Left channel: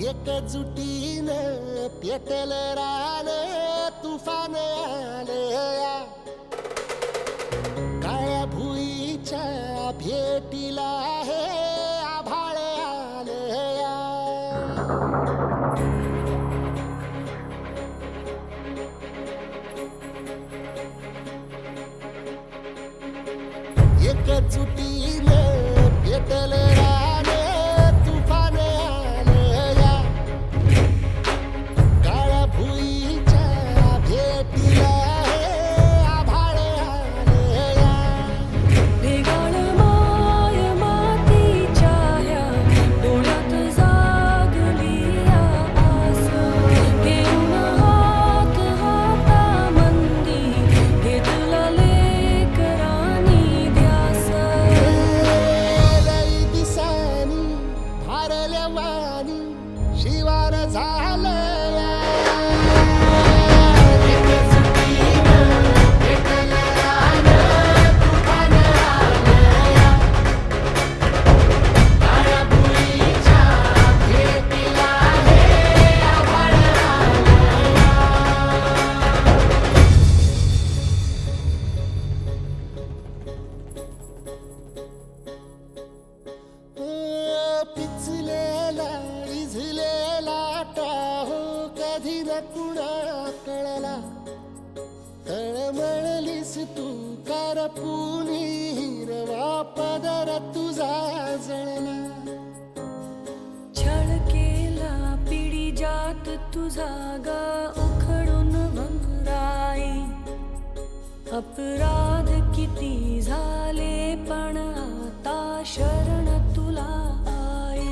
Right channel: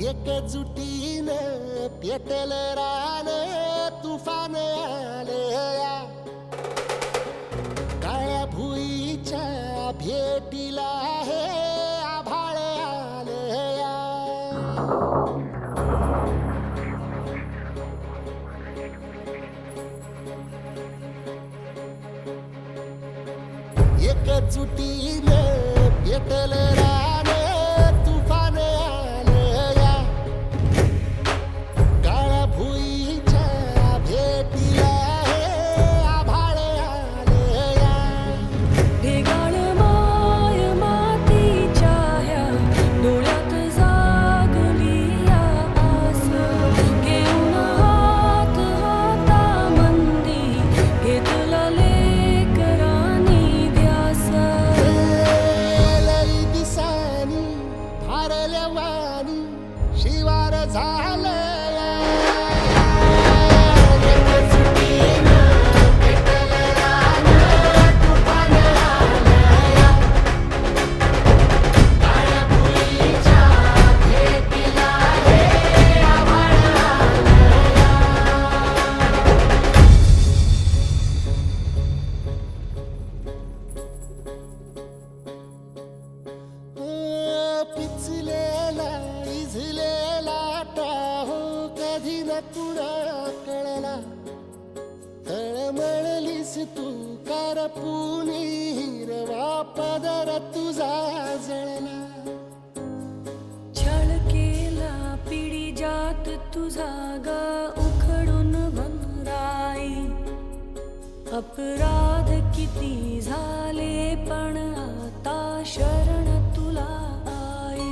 एकजुटीनं पेटल रान तुफान आलया काळ्या भुईच्या भेटीला हे आभाळ आलया एकजुटीनं पेटल रान तुफान आलया काळ्या भुईच्या भेटीला हे आभाळ आलया ढेगाळ माय मातीच्या ह्या डोळ्यात जागली या आस घेऊन हात हातामंदी घेतला लेकरांनी ध्यास लई दिसानी भारल्या वाणी शिवार झालया एकजुटीनं पेटल रान तुफान आलया काळ्या भुईच्या भेटीला हे आभाळ आलया पिचलेला इझलेला टाहो कधी न कुणा कळला तळमळलीस तू करपुनी हिरवा पदर तुझा जळला छळ केला पिढी जात तुझा गा उखडून वनराई अपराध किती झाले पण आता शरण तुला आई